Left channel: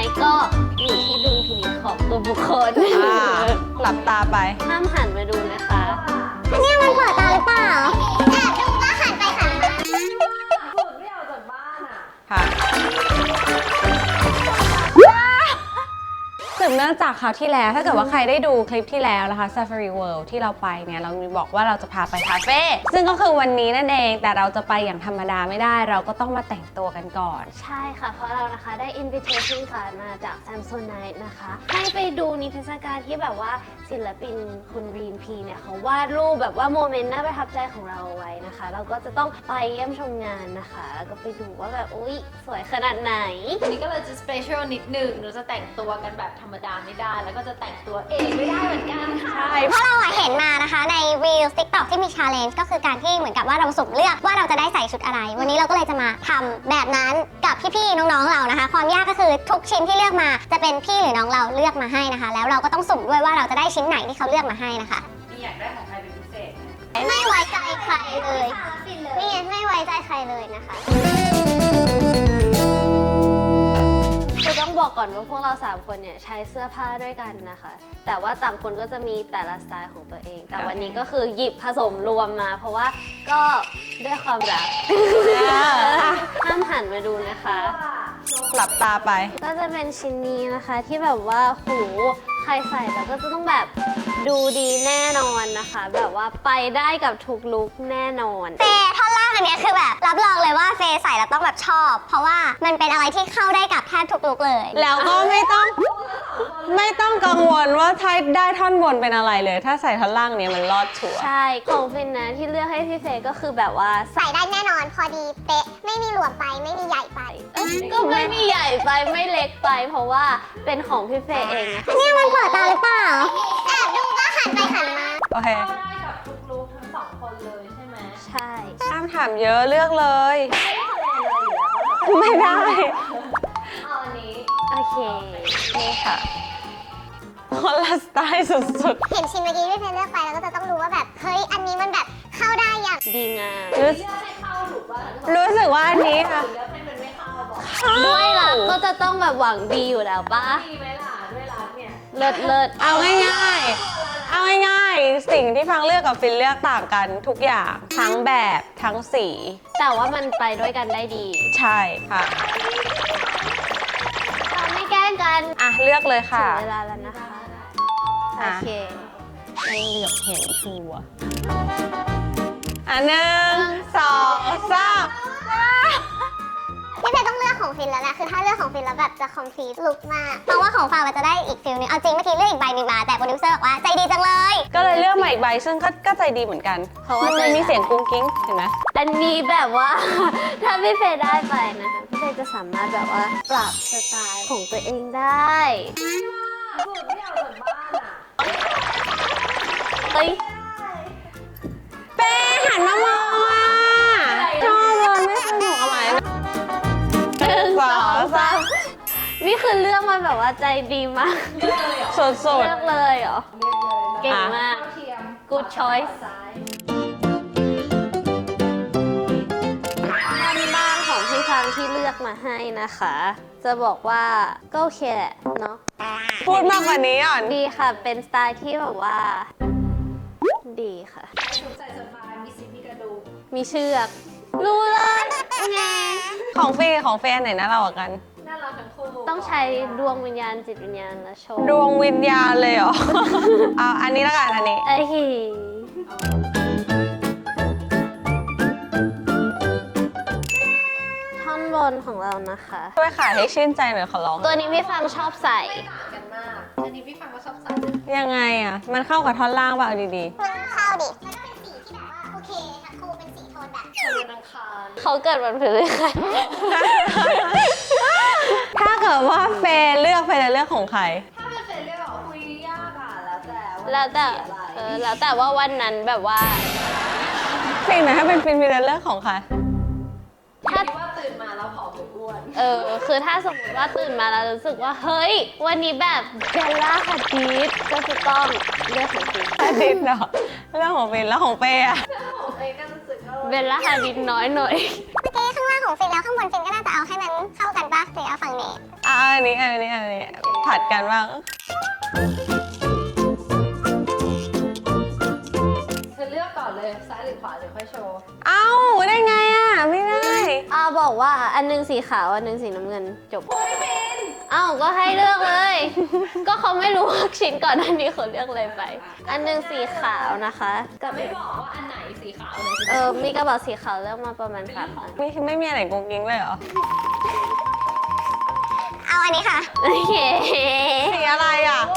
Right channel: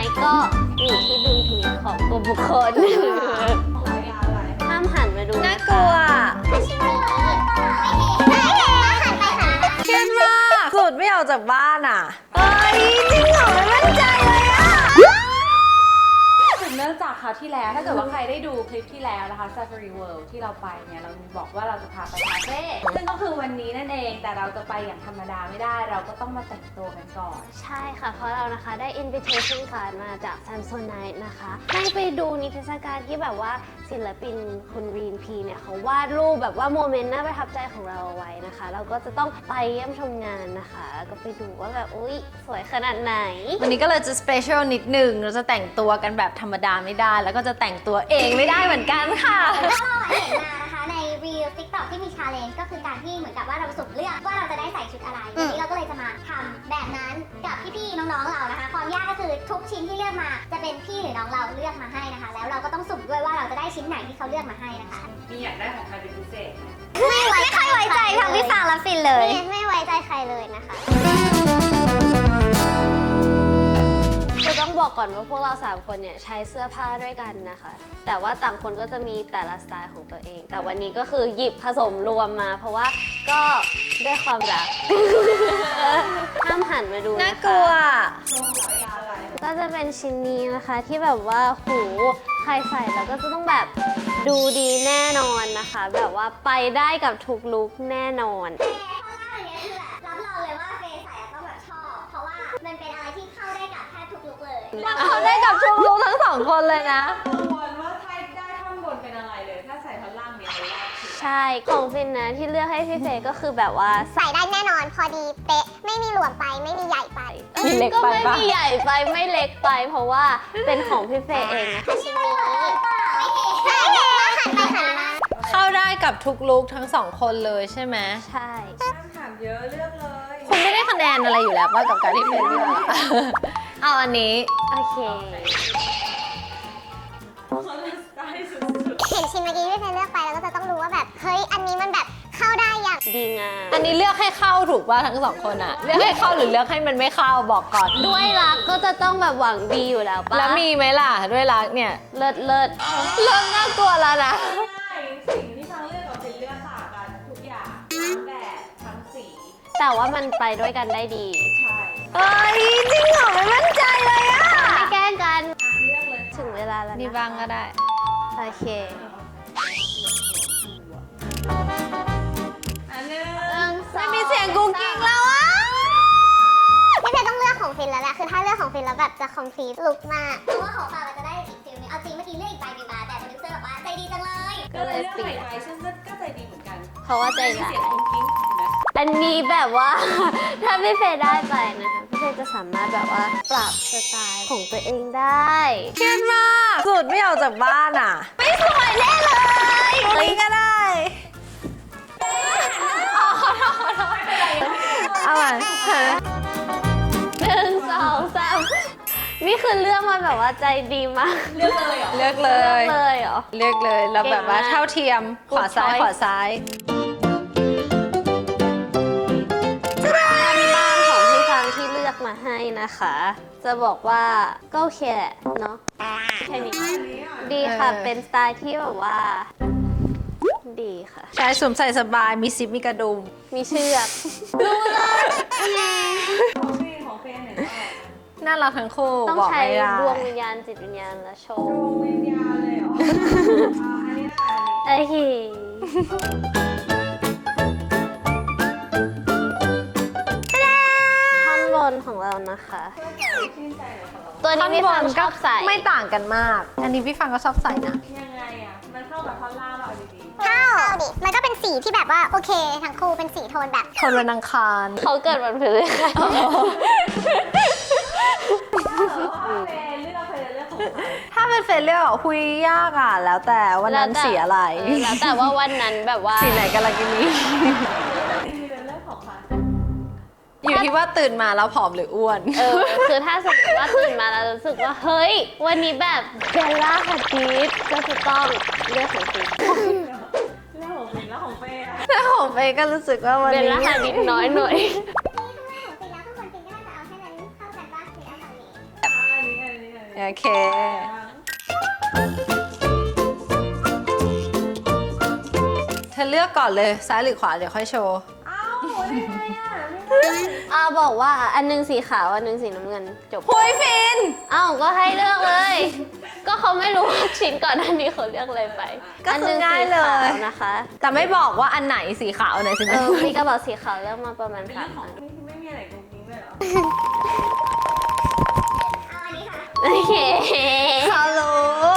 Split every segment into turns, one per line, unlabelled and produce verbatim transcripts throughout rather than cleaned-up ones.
ก็อยู่ที่ดุลพินิจของตัวบุคคล
หลับตาไป
ห้ามหันมาดูนะคะ
อันนี้มันเปิดตาหรือเปล่าแต่เห็นว่าหันไปหันมา
เครียดมากสุดไม่ออกจากบ้านอ่ะเฮ้ยจริงเหรอไม่มั่นใจเลยอ่ะสืบเนื่องจากคราวที่แล้วถ้าเกิดว่าใครได้ดูคลิปที่แล้วนะคะ Safari World ที่เราไปเนี่ยเรามีบอกว่าเราจะพาไปคาเฟ่ซึ่งก็คือวันนี้นั่นเองแต่เราจะไปอย่างธรรมดาไม่ได้เราก็ต้องมาแต่งตัวกันก่อน
ใช่ค่ะเพราะเรานะคะได้ invitation card มาจาก Samsonite นะคะให้ไปดูนิทรรศการที่แบบว่าศิลปินคุณรีนพีเนี่ยเขาวาดรูปแบบว่าโมเมนต์น่าประทับใจของเราเอาไว้นะคะเราก็จะต้องไปเยี่ยมชมงานนะคะแล้วก็ไปดูว่าแบบอุ๊ยสวยขนาดไหน
วันนี้ก็เลยจะสเปเชียลนิดหนึ่งเราจะแต่งตัวกันแบบธรรมดาไม่ได้แล้วก็จะแต่งตัวเองไม่ได้เหมือนกันค่ะ
เพราะเราเห็นมานะคะใน Reels TikTok ที่มี Challenge ก็คือการที่เหมือนกับว่าเราสุ่มเลือกว่าเราจะได้ใส่ชุดอะไรวันนี้เราก็เลยจะมาทำแบบนั้นกับพี่ๆน้องๆเรานะคะความยากก็คือทุกชิ้นที่เลือกมาจะเป็นพี่หรือน้องเราเลือกมาให้นะคะแล้วเราก็ต้องสุ่มด้วยว่าเราจะได้ชิ้นไหนที่เขาเลือกมาให้นะคะ
มีอยากได้ของใครเป็นพิเศษ
ไม่ไว้ใจใครทั้งพี่ฟางและฟินเลยนี่ไม่ไว้ใจใครเลยนะคะ
คือต้องบอกก่อนว่าพวกเราสามคนเนี่ยใช้เสื้อผ้าด้วยกันนะคะแต่ว่าต่างคนก็จะมีแต่ละสไตล์ของตัวเองแต่วันนี้ก็คือหยิบผสมรวมมาเพราะว่าก็ด้วยความรักห้ามหันมาดูนะคะ
หลับตาไป
ก็จะเป็นชิ้นนี้นะคะที่แบบว่าหูใครใส่แล้วก็จะต้องแบบดูดีแน่นอนนะคะแบบว่าไปได้กับทุกลุคแน่นอน
แต่ท่อนล่างอันนี้คือแบบรับรองเลยว่าเฟย์ใส่แล้วต้องแบบชอบเพราะว่ามันเป็นอะไรที่เข้าได้กับแทบทุกลุคเลย
แล้วไม่ต้องลุคทั้งสองคนเลยนะไม่ต้องกังวลว่าถ้าได้ท่อนบนเป็นอะไรเลยถ้าใส่ท่อนล่างเนี้ยมันรอดชัวร์
ใช่ของฟินนะที่เลือกให้พี่เฟย์ก็คือแบบว่า
ใส่ได้แน่นอนพอดีเป๊ะไม่มีหลวมไปไม่มีใหญ่ไป
ก็ไม่มีใหญ่ไปไม่เล็กไปเพราะว่าเป็นของพี่เฟย์เองนะ
อันนี้มันเปิดตาหรือเปล่าแต่เห็นว่าหันไปหันมา
เข้าได้กับทุกลุคทั้งสองคนเลยใช่ไหม
ใช่
ห้ามถามเยอะเลือกเลย
คุณไม่ได้คะแนนอะไรอยู่แล้วป่ะกับการที่ได้เอาอันนี้
โอเค
นี่ค่ะ
คนละสไตล์สุด
ๆเห็นชิ้นเมื่อกี้ที่เฟย์เลือกไปแล้วก็จะต้องรู้ว่าแบบเฮ้ยอันนี้มันแบบเข้าได้อย่าง
ดีงาม
อันนี้เลือกให้เข้าถูกป่ะทั้งสอง
รู้สึกว่า
ไม่เข้าหรือเลือกให้มันไม่เข้าบอกก่อน
ด้วยรักก็จะต้องแบบหวังดีอยู่แล้วป่ะ
แล้วมีไหมล่ะด้วยรักเนี่ย
เลิศเลิศ
เอาง่าย
ๆตัวละนะ
เอาง่ายๆสิ่งที่ฟังเลือกกับฟินเลือกต่างกันทุกอย่างทั้งแบบทั้งสี
แต่ว่ามันไปด้วยกันได้ดี
ใช่ค่ะ
จริงเหรอไม่มั่นใจเลยอ่ะ
ไม่แกล้งกัน
อ่ะเลือกเลยค่ะ
ถึงเวลาแล้วนะ
นี่บ้างก็ได้
โอเค
เหลือกเห็นชัวอันหนึ่งสอง
มีเสียงกุ้งกิ้งแล้วอ่ะ
พี่เฟย์ต้องเลือกของฟินแล้วแหละคือถ้าเลือกของฟินแล้วแบบจะคอมพลีทลุคมากเพราะว่าของฟางมันจะได้อีกฟิลนึงเอาจริงเมื่อกี้เลือกอีกใบหนึ่งมาแต่โปรดิวเซอร์บอกว่าใจดีจังเลย
ก็เลยเลือกใหม่อีกใบซึ่งก็ใจดีเหมือนกัน
เพราะว่าใจ
มีเสียงกุ้งกิ้งเห็นไหม
อันนี้แบบว่า ถ้าพี่เฟย์ได้ไปนะคะพี่เฟย์จะสามารถแบบว่าปรับสไตล์ของตัวเองได้
เครียดมาก
สุดไม่ออกจากบ้านอ่ะ
ไม่สวยแน่เลย
เฮ้ย
ก็ได้
เป้หันมามองค่ะ
หนึ่งสองสามนี่คือเลือกมาแบบว่าใจดีมาก
เลือกเลย
เลือกเลย
เลือกเลยเหรอ
เลือกเลยแล้วมาเท่าเทียมขวาซ้ายขวาซ้าย
บ้านของพี่ฟังที่เลือกมาให้นะคะ จะบอกว่าก็โอเคแหละเนาะ
พูดมากกว่านี้อ่ะ
ดีค่ะเป็นสไตล์ที่แบบว่าดีค่ะ
ใช้สวมใส่สบายมีซิปมีกระดุม
มีเชือกรู้เลย
ของเฟย์ของเฟย์อันไหนน่ารักกว่ากัน
น่ารักทั้งคู่
ต้องใช้ดวงวิญญาณจิตวิญญาณและโชว์
ดวงวิญญาณเลยเหรอเอาอันนี้ละกันอันนี้
โอเคท่อนบนของเรานะคะ
ช่วยขายให้ชื่นใจหน่อยขอร้อง
ตัวนี้พี่ฟังชอบใส่
ไม่ต่างกันมากอันนี้พี่ฟังก็ชอบใส่นะ
ยังไงอ่ะมันเข้ากับท่อนล่างป่ะเอาดี
ๆเข้าเข้าดิมันก็เป็นสีที่แบบว่าโอเคทั้งคู่เป็นสีโทนแบบ
โทนวันอังคาร
เขาเกิดวันพฤหัส
ถ้าเกิดว่าเฟย์เลือกเฟย์จะเลือกของใคร
ถ้าเป็นเฟย์เลือกอ่ะคุยยากอ่ะแล้วแต่วันนั้นสีอะไร
แล้วแต่ว่าวันนั้นแบบว่า
สีไหนกันละกินนี้
สิ่งไหนถ้าเป็นฟินมีแต่เลือกของใคร
อยู่ที่ว่าตื่นมาแล้วผอมหรืออ้วน
เออคือถ้าสมมติว่าตื่นมาแล้วรู้สึกว่าเฮ้ยวันนี้แบบเบลล่าฮัดดิสก็จะต้องเลือกของฟิน
ฟินเหรอเรื่องของฟินแล้วของเป้อะ
เรื่องของเป้ก็รู้สึกว่า
เบลล่าฮัดดิสน้อยหน่อย
เมื่อกี้ข้างล่างของฟินแล้วข้างบนฟินก็น่าจะเอาให้มันเข้ากันป่ะหรือเอาฝั่งนี้
อ่าอันนี้อันนี้อันนี้
โอเค
ผัดกันบ้าง
เธอเลือกก่อนเลยซ้ายหรือขวาเดี๋ยวค่อยโชว์
เอ้าได้ไงอ่ะ ไม่ได้
อาบอกว่าอันหนึงสีขาวอันหนึงสีน้ำเงินจบ
โอ้ยฟิน
เอ้าก็ให้เลือกเลย ก็เขาไม่รู้ว่าชิ้นก่อนหน้านี้เขาเลือกอะไรไป
ก็คืออั
อันหนึงสีขาวนะคะ
แต่ไม่บอกว่าอันไหนสีขาวอันไหนสี
เอ
น้ำ
อ
เงิน
มีกระบอกสีขาวเลือกมาประมาณสามอัน
ไม่ไม่มีอะไรกุ๊กกิ๊งเลยเหรอ
เอาอันนี้ค่ะ
โอเค
สีอะไรอ่ะ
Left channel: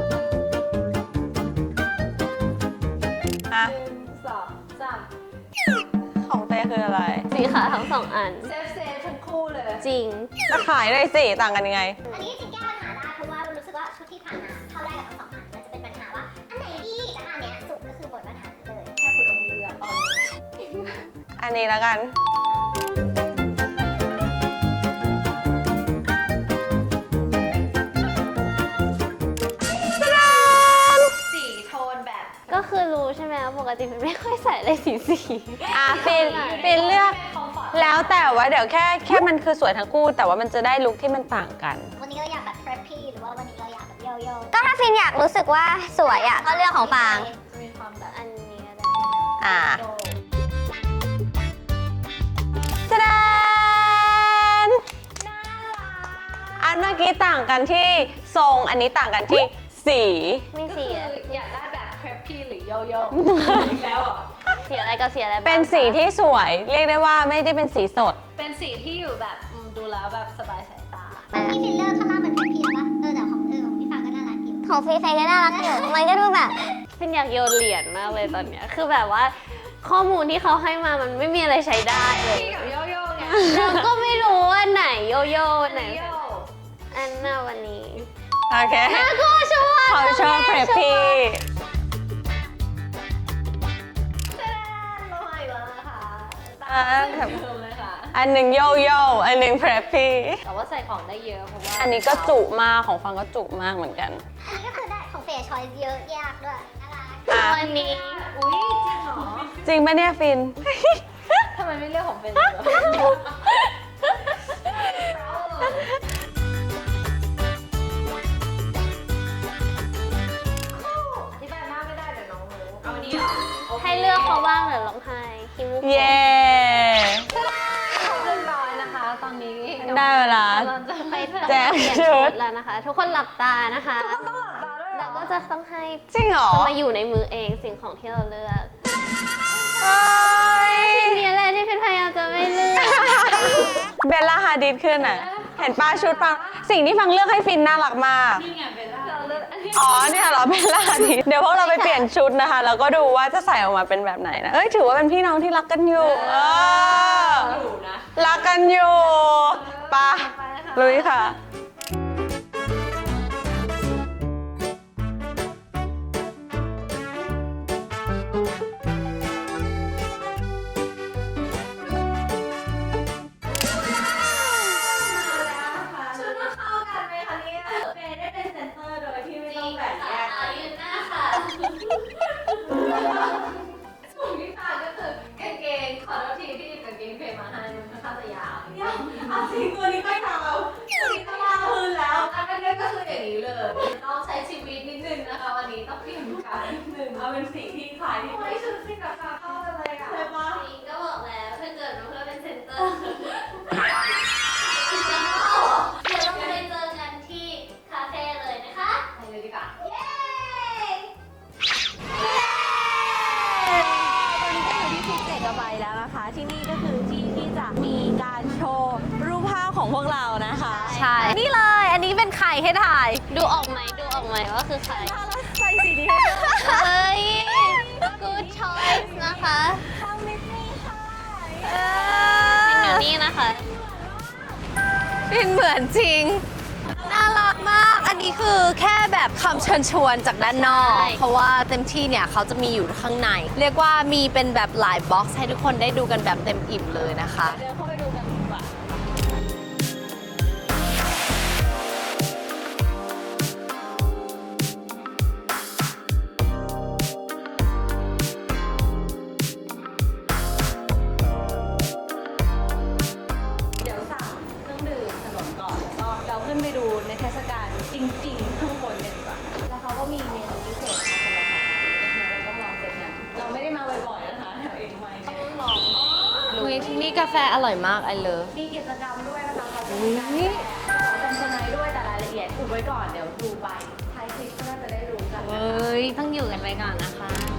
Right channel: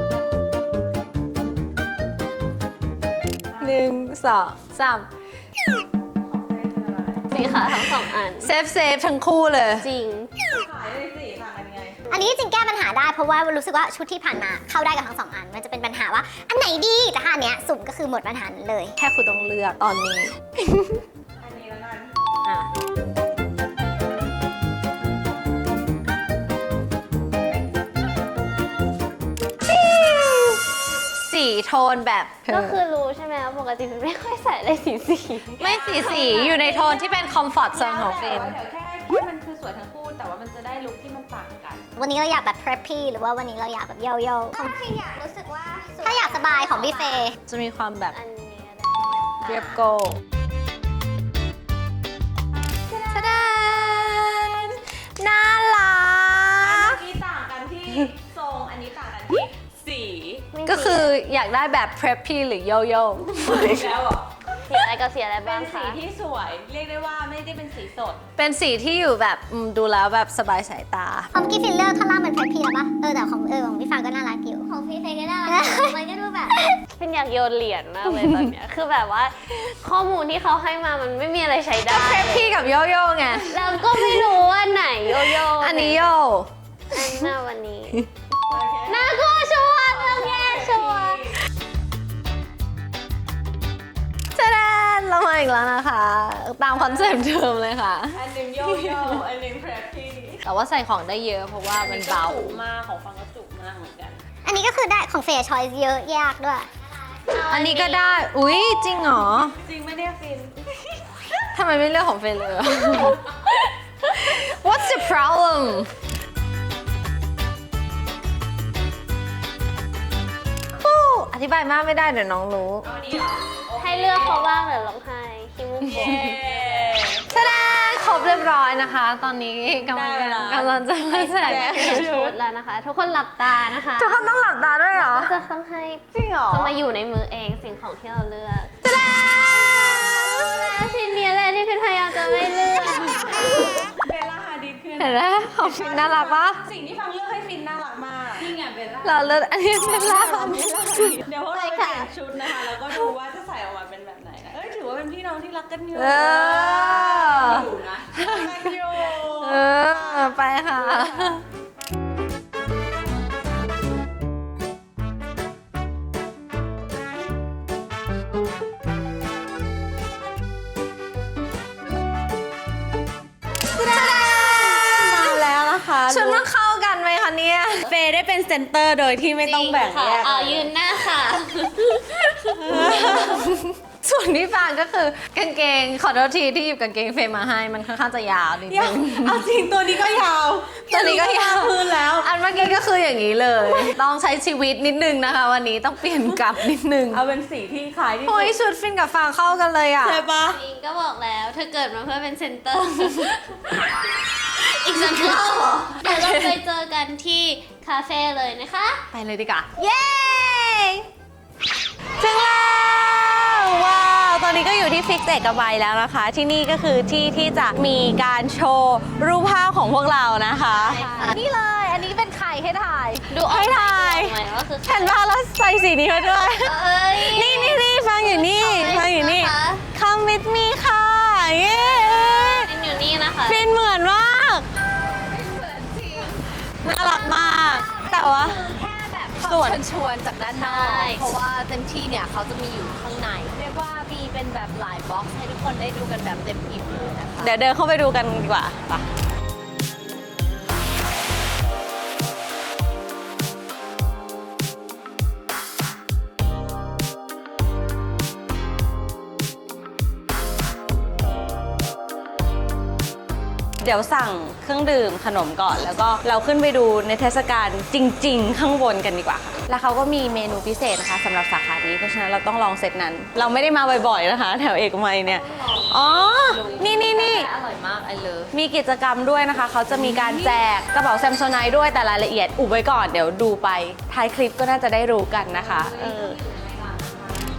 หนึ่งสองสาม
ของเต้คืออะไร
สีขาวทั้งสองอัน
เซฟเซฟทั้งคู่เลย
จริง
ขายเลยสิ ต่างกันยังไง
อันนี้จริงๆแก้ปัญหาได้เพราะว่ารู้สึกว่าชุดที่ผ่านมาเข้าได้กับทั้งสองอัน มันจะเป็นปัญหาว่าอันไหนดีแต่ถ้าอันเนี้ยสุ่มก็คือหมดปัญหานั้นเลย
แค่คุณต้องเลือกตอนนี้
อันนี้แล้วกัน
สีโทนแบบ
ก็คือรู้ใช่ไหมว่าปกติมันไม่ค่อยใส่อะไรสีสี
ไม่สีสีอยู่ในโทนที่เป็นคอมฟอร์ต
แล้วแต่ว่าเดี๋ยวแค่แค่มันคือสวยทั้งคู่ แต่ว่ามันจะได้ลุคที่มันต่างกัน
วันนี้เราอยากแบบ preppy หรือว่าวันนี้เราอยากแบบโยโย่ก็ถ้าฟินอยากรู้สึกว่าสวยอะก็เลือกของพี่เจ
จะมีความแบบ
อันนี้ก็ได้
อ่า
โก้
จะได้
น่ารัก
อันเมื่อกี้ต่างกันที่ทรง อันนี้ต่างกันที่สี
ไม่
ก็คือ
สี
อยากได้แบบ preppy หรือโยโย่
สีอะไรก็สีอะไรบ้าง
เป็นสี
คะ
ที่สวย เรียกได้ว่าไม่ได้เป็นสีสด
เป็นสีที่อยู่แบบอืมดูแล้วแบบสบายสายตา
ของพี่ฟินเลือกท่อนล่างมัน preppy แล้วปะเออแต่ของเออของพี่ฟังก็น่ารักอยู่ของพี่เฟยก็น่ารักนะมันก็ดูแบบ
เป็นอยากโยนเหรียญมากเลยตอนเนี้ย คือแบบว่าข้อมูลที่เขาให้มามันไม่มีอะไรใช้ได้เลย
พี่กับโยโย่ไง
เราก็ไม่รู้ว่าไหนโยโย่
อันนี้โย
อันหน้าวันนี้
โอเค
น่ากลัวชัวร์
เขาชอบเพรพพี่
เจแดนเรามาอีกแล้วนะคะ ตามคอนเซ็ปต์เดิมเลยค่ะ
อันหนึ่งโยโย่อันหนึ่งเพรพพี่
แต่ว่าใส่ของได้เยอะเพราะว่า
อันนี้ก็จุมากของฟังก็จุมากเหมือนกัน
อันนี้ก็คือได้ของเฟยชอยเยอะยากด้วย
อันนี้ก็ได้ อุ๊ย จริงเหรอ
จริงไหมเนี่ยฟิน
ทำไมไม่เลือกของเฟยเลย What's the problem อธิบายมากไม่ได้เดี๋ยวน้องรู้
ให้เลือกเขาบ้างเดี๋ยวร้องไห้คิมู
เย้
ตะดาครบเรียบร้อยนะคะ ตอนนี้กำ
ได้เวลา
กำลังจะ
ไป
ใส่
ใส่เปลี่ยนชุดแล้วนะคะ ทุกคนหลับตานะคะ
ทุกคนต้องหลับตาด้วยเหรอ
ก็จะต้องให้
จริงเหรอ
เขามาอยู่ในมือเองสิ่งของที่เราเลือกชิ้นนี้แหละที่พี่พยายามจะไม่เลือก
เบลล่าฮาดิดขึ้น
เห็
อ่ะ
นไหม
เห็นป้าชุด
น่ารัก
ฟัง
ปะ
สิ่งที่ฟังเลือกให้ฟินน่ารักมาก
เราเลือกอันนี้
อ๋อเนี่ยเหรอเบลล่าฮาดิดเดี๋ยวพวกเราไปเปลี่ยนชุดนะคะ แล้วก็ดูว่าจะใส่ออกมาเป็นแบบไหนนะ เอ้ยถือว่าเป็นพี่น้องที่รักกันอยู่
เออ
รักกันอยู่
เออ
ไป
ไปค่ะ
ลุยค่ะ มาแล้วนะคะ
ชุดมันเข้ากันไหมคะเนี่ย
เฟย์ได้เป็นเซนเตอร์โดยที่ไม่ต้องแบ่งแยก
เอายืนหน้าค่ะ
ส่วนที่ฟางก็คือกางเกง ขอโทษทีที่หยิบกางเกงเฟย์มาให้ มันค่อนข้างจะยาวนิดนึง
เอาจริงตัวนี้ก็ยาว
ตัวนี้ก็ยาว
พื้นแล้ว
อันเมื่อกี้ก็คืออย่างนี้เลย ต้องใช้ชีวิตนิดนึงนะคะ วันนี้ต้องเปลี่ยนกลับนิดนึง
เอาเป็นสีที่คล้ายที่
โอ้ยชุดฟินกับฟางเข้ากันเลยอ่ะ
ใช่ปะ
อิงก็บอกแล้วเธอเกิดมาเพื่อเป็นเซนเตอร์ อีกสักครั้งเดี๋ยวเราไปเจอกันที่คาเฟ่เลยนะคะ
ไปเลยดีกว่า
เย้ถึงแล้วว้าวตอนนี้ก็อยู่ที่ฟิกเอกมัยแล้วนะคะ ที่นี่ก็คือที่ที่จะมีการโชว์รูปภาพของพวกเรานะคะ
ใช่นี่เลย อันนี้เป็นไข่ให้ถ่าย
ดูออกไหม
ไม่
ดู
ได้
ออกไหมว่าคือใคร
เห็นว่าเราใส่สีนี้ให้ด้วย
เอ้ย
นี่นี่นี่ฟังอยู่นี่ฟังอยู่นี่
นะคะ
Come with me ค่ะเย้
เป็นอยู่นี่นะคะ
ฟินเหมือนมาก
เป็นเหมือนจริง
น่ารักมาก
อันนี้คือแค่แบบคำเชิญชวนจากด้านนอก
ใช่
เพราะว่าเต็มที่เนี่ยเขาจะมีอยู่ข้างใน เรียกว่ามีเป็นแบบหลายบ็อกซ์ให้ทุกคนได้ดูกันแบบเต็มอิ่มเลยนะคะ
เดี๋ยวเดินเข้าไปดูกันดีกว่าไปเดี๋ยวสั่งเครื่องดื่มขนมก่อน แล้วก็เราขึ้นไปดูในเทศกาลจริง ๆ ข้างบนกันดีกว่าค่ะแล้วเขาก็มีเมนูพิเศษนะคะสำหรับสาขานี้เพราะฉะนั้นเราต้องลองเซตนั้น เราไม่ได้มาบ่อยๆนะคะ แถวเอกมัยเนี่ยอ๋อนี่นี่
กา
นี่
แฟอร่อยมากไอเลิฟ
มีกิจกรรมด้วยนะคะ เขาจะมีการแจกกระเป๋าแซมโซไนท์ด้วยแต่รายละเอียดอุบไว้ก่อน เดี๋ยวดูไปท้ายคลิปก็น่าจะได้รู้กันนะคะ
เฮ้ยต้องอยู่กันไปก่อนนะคะ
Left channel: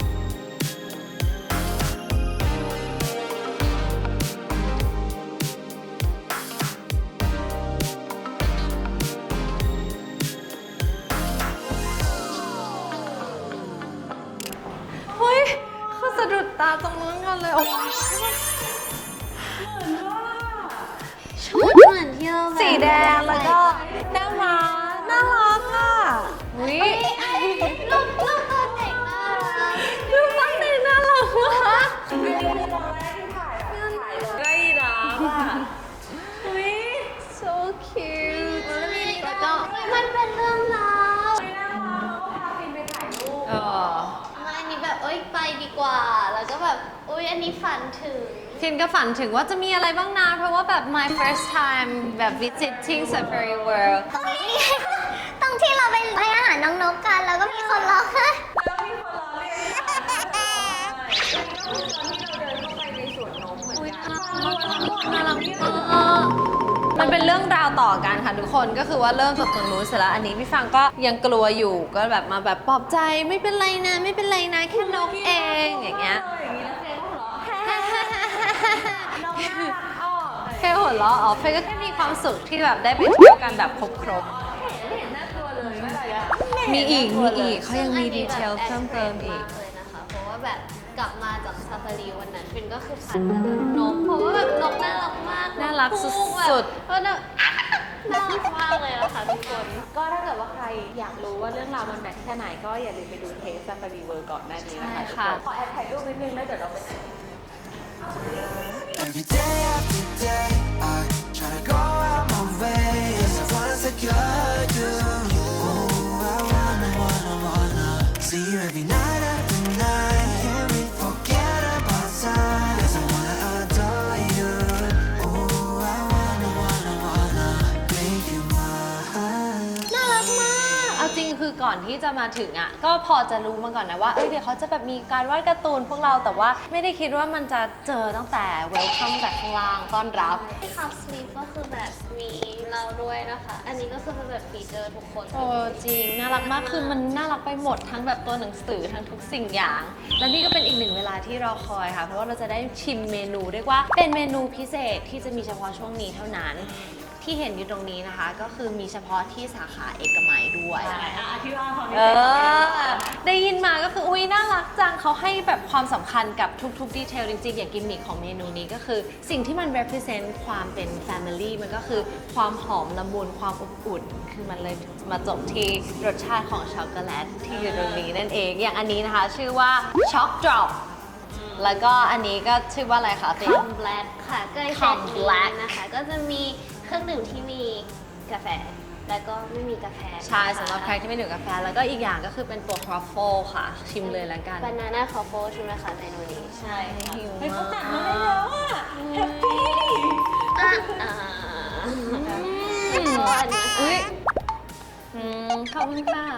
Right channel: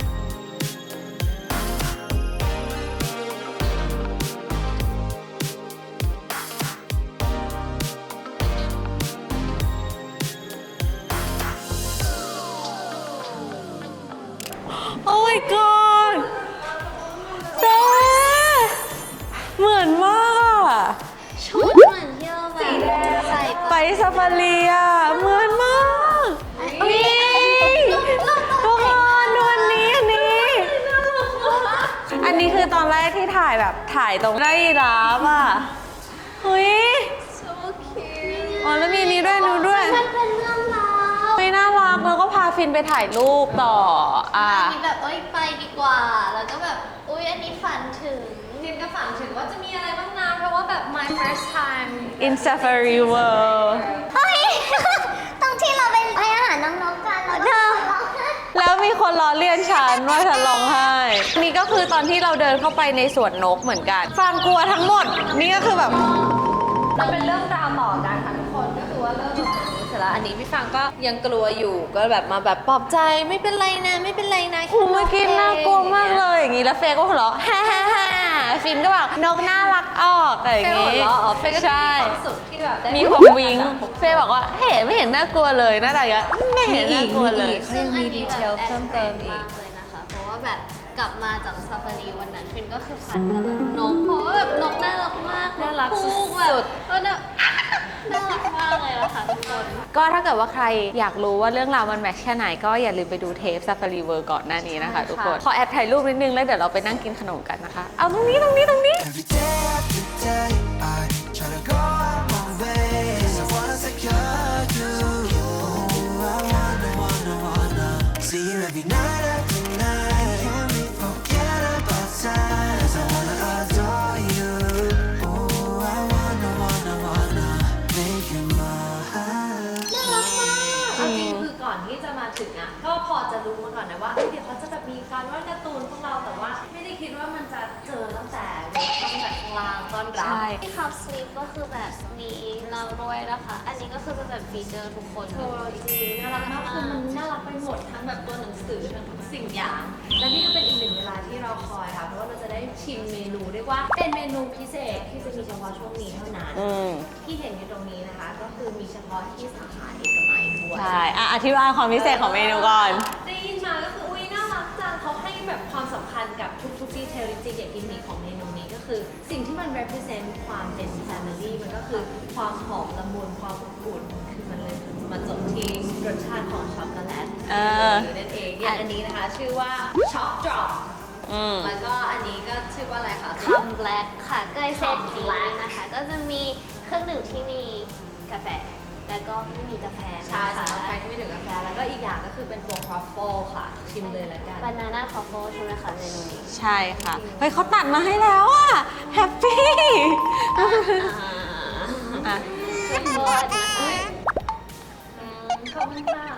โอ้ my god
สะดุดตาตรงนู้นก่อนเลย
แกเหมือนมากอะ
ชุดเหมือนที่เราแบบ
สีแดงแล้วก็ไวท์ซาฟารีอะเหมือนมาก
นี่
ลูกลูกตัวเด็กมาก
ดูอันนี้อันนี้น่ารักมากอันนี้คือตอนแรกที่ถ่ายแบบถ่ายตรงได้รับอ่ะเฮ้ย
so cute
อ๋อแล้วมีนี้ด้วยนู้ด้วย
มันเป็นเรื่องราว
ไม่น่ารักแล้วก็พาฟินไปถ่ายรูปต่ออ่ะ
อันนี้แบบเอ้ยไปดีกว่า แล้วก็แบบอุ้ยอันนี้ฝันถึง
คินก็ฝันถึงว่าจะมีอะไรบ้างนะเพราะว่าแบบ my first time แบบ
In
visit
Safari
to Safari
World
World
เฮ้ย ตรงที่เราไปให้อาหารน้องๆกันแล้วก็มีคนร้องไห้
แล้วมีคนล้อเลียนฉันว่าฉันร้องไห้นี่ก็คือตอนที่เราเดินเข้าไปในสวนนกเหมือนกันความกลัวทั้งหมดนี่ก็คือแบบ
มันเป็นเรื่องราวต่อกันค่ะทุกคนก็คือว่าเริ่มจากตรงนู้นเสร็จแล้วอันนี้พี่ฟังก็ยังกลัวอยู่ก็แบบมาแบบปลอบใจไม่เป็นไรนะไม่เป็นไรนะแค่
เมื่อกี้น่ากลัวมากเลยอย่างนี้แล้วเฟย์ก็หัวเราะฮ่าฮ่าฮ่าฟินก็แบบนกน่ารักออกอะไรอย่าง
เฟย์
งี้
หัวเราะอ๋อเฟย์ก็จะ
ใช่
มีความสุขที่แบบได้
มี
พ
ค
บ
วาม
กัน
วิง
แบบพบ
เฟย์บอกว่าเห็นไม่เห็นน่ากลัวเลยน่ารักอะไม่เห็นน่ากลัวเลย
ซึ่งอันนี้แบบแอดเทรนมากเลยนะคะ เพราะว่าแบบกลับมาจากซาฟารีวันนั้นฟินก็คือพันกับนก เพราะว่าแบบนกน่ารักมาก
น่ารัก
พูกแบบ
สุด
เออแบบน่ารักมากเลยนะคะทุกคน
ก็ถ้าเกิดว่าใครอยากรู้ว่าเรื่องราวมันแมทช์แค่ไหนก็อย่าลืมไปดูเทป Safari World ก่อนหน้านี้นะคะทุกคน ขอแอบถ่ายรูปนิดนึงแล้วเดี๋ยวเราไปนั่งกินขนมกันนะคะ เอาตรงนี้ตรงนี้ตรงนี้
Every day after day, I try to go out my way. 'Cause I wanna secure you. Oh, I wanna, wanna, wanna see you every night after night. Can we forget about time? 'Cause I wanna adore you. Oh, I wanna, wanna, wanna make you mine.
เอาจริงคือก่อนที่จะมาถึงอ่ะก็พอจะรู้มาก่อนนะว่าเอ้ยเดี๋ยวเขาจะแบบมีการวาดการ์ตูนพวกเราแต่ว่าไม่ได้คิดว่ามันจะเจอตั้งแต่เวลคัมจากข้างล่างต้อนรับ
ที่คัพสลีปก็คือแบบมีเราด้วยนะคะ อันนี้ก็คือเป็นแบบฟีเจอร์ทุกคน
โอ้จริงน่ารักมากคือมันน่ารักไปหมดทั้งแบบตัวหนังสือทั้งทุกสิ่งอย่าง และนี่ก็เป็นอีกหนึ่งเวลาที่เราคอยค่ะเพราะว่าเราจะได้ชิมเมนูเรียกว่าเป็นเมนูพิเศษที่จะมีเฉพาะช่วงนี้เท่านั้น
อืม
ที่เห็นอยู่ตรงนี้นะคะ ก็คือมีเฉพาะที่สาขาเอกมัยด้วย
ใช่อ่ะอธิบายความพิเศษของเมนูก่อน
ได้ยินมาก็คืออุ้ยน่ารักจังเขาให้แบบความสำคัญกับทุกๆดีเทลจริงๆอย่างกิมมิคของเมนูนี้ก็คือสิ่งที่มัน represent ความเป็น family มันก็คือความหอมละมุนความอบอุ่นคือมันเลยมาจบที่รสชาติของช็อกโกแลตที่เป็นแบบนี้นั่นเองอย่างอันนี้นะคะชื่อว่าช็อกดรอป
อืม
แล้วก็อันนี้ก็ชื่อว่าอะไรคะ
คัมแบล็กค่ะก็เซต
Plum
นี้
Black
นะคะ ก็จะมีเครื่องดื่มที่มีกาแฟ แล้วก็ไม่มีกาแฟ
ใช่สำหรับใครที่ไม่ดื่มกาแฟแล้วก็อีกอย่างก็คือเป็นตัวครอฟเฟิลค่ะ ชิมเลยละกัน
บานาน่าคอฟโฟใช่ไหมคะเมนูนี้
ใช่ค่ะเฮ้ยเขาตัดมาให้แล้วอะแฮปปี้
อ่าแล้วก็อันนี้ค่ะ
อืมขอบคุณค่ะ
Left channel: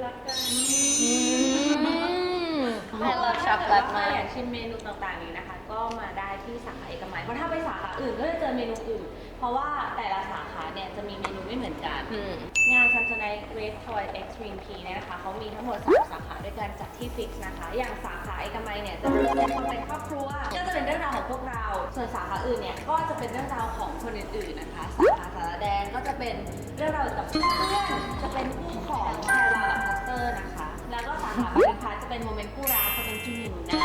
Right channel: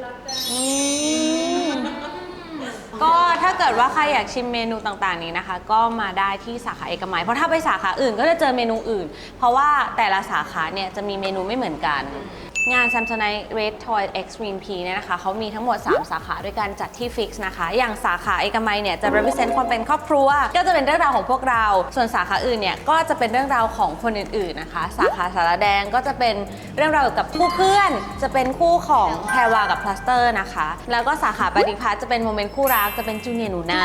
ก็ถ้าเกิดว่าใครอยากชิมเมนูต่างๆนี้นะคะ ก็มาได้ที่สาขาเอกมัยเพราะถ้าไปสาขาอื่นก็จะเจอเมนูอื่น เพราะว่าแต่ละสาขาเนี่ยจะมีเมนูไม่เหมือนกัน งาน Samsonite Red Toy Extreme P เนี่ยนะคะเขามีทั้งหมดสามสาขาด้วยกันจัดที่ฟิกซ์นะคะ อย่างสาขาเอกมัยเนี่ยจะ represent คนเป็นครอบครัว ก็จะเป็นเรื่องราวของพวกเรา ส่วนสาขาอื่นเนี่ยก็จะเป็นเรื่องราวของคนอื่นๆนะคะ สาขาสารแดงก็จะเป็นเรื่องราวเกี่ยวกับคู่เพื่อน จะเป็นคู่ของแพรวากับพลาสเตอร์นะคะ แล้วก็สาขาปฏิพัฒน์จะเป็นโมเมนต์คู่รักจะเป็นจูเนียร์หนูนา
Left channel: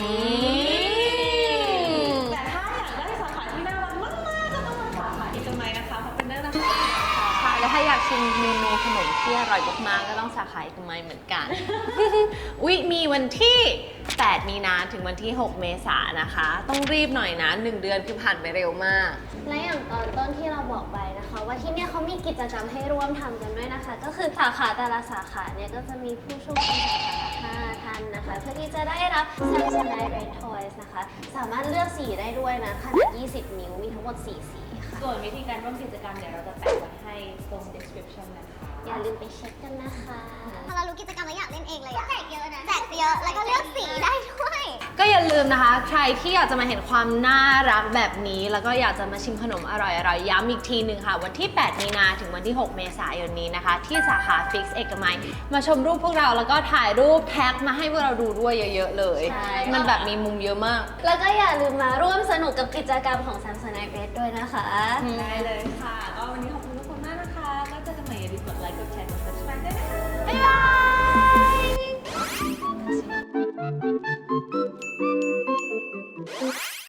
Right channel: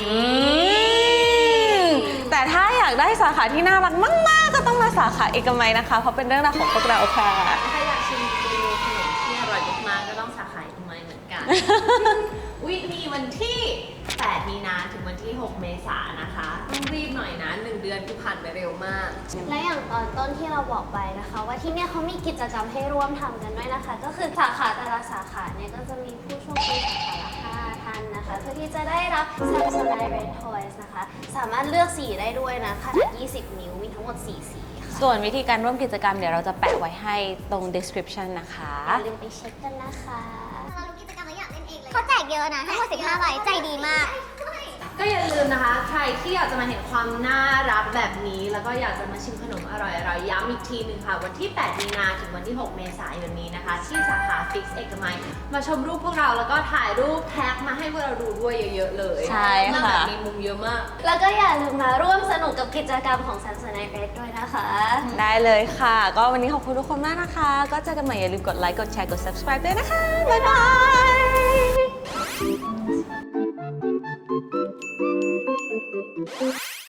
แต่ถ้าอยากได้สาขาที่น่ารักมากๆก็ต้องมาสาขาเอกมัยนะคะเพราะเป็นเรื่องราวของพวกเราค่ะ
แล้วถ้าอยากชิมเมนูขนมที่อร่อยมากๆก็ต้องสาขาเอกมัยเหมือนกัน อุ๊ยมีวันที่ แปด มีนาถึงวันที่ หก เมษายนนะคะ ต้องรีบหน่อยนะหนึ่งเดือนคือผ่านไปเร็วมาก
และอย่างตอนต้นที่เราบอกไปนะคะ ว่าที่เนี่ยเขามีกิจกรรมให้ร่วมทำกันด้วยนะคะ ก็คือสาขาแต่ละสาขาเนี่ยก็จะมีผู้โชคดีสาขาละห้าท่านนะคะ เพื่อที่จะได้รับ Samsonite Red Toys นะคะ สามารถเลือกสีได้ด้วยนะขนาดยี่สิบนิ้วมีทั้งหมดสี่สีค่ะ
ส่วนวิธีการร่วมกิจกรรมเดี๋ยวเราจะแปะไว้ให้ตรง description นะคะ
อย่าลืมไปเช็คกันนะคะ
พอเรารู้กิจกรรมแล้วอยากเล่นเองเลยเขาแจกเยอะนะแจกเยอะเลยใจดีมากได้ด้วย
ก็อย่าลืมนะคะ ใครที่อยากจะมาเห็นความน่ารักแบบนี้ แล้วก็อยากจะมาชิมขนมอร่อยๆย้ำอีกทีหนึ่งค่ะ วันที่ แปด มีนาถึงวันที่ หก เมษายนนี้นะคะ ที่สาขา Fix เอกมัยมาชมรูปพวกเราแล้วก็ถ่ายรูปแท็กมาให้พวกเราดูด้วยเยอะๆเลย
ใช่
มัน
ค่ะ
แบบมีมุมเยอะมาก
แล้วก็อย่าลืมมาร่วมสนุกกับกิจกรรมของ Samsonite Red ด้วยนะคะ
ได้เลยค่ะ ก็วันนี้ขอบคุณทุกคนมากนะคะ ก็เจอกันใหม่อย่าลืมกดไลค์ กดแชร์ กด subscribe ด้วยนะคะ บ๊ายบาย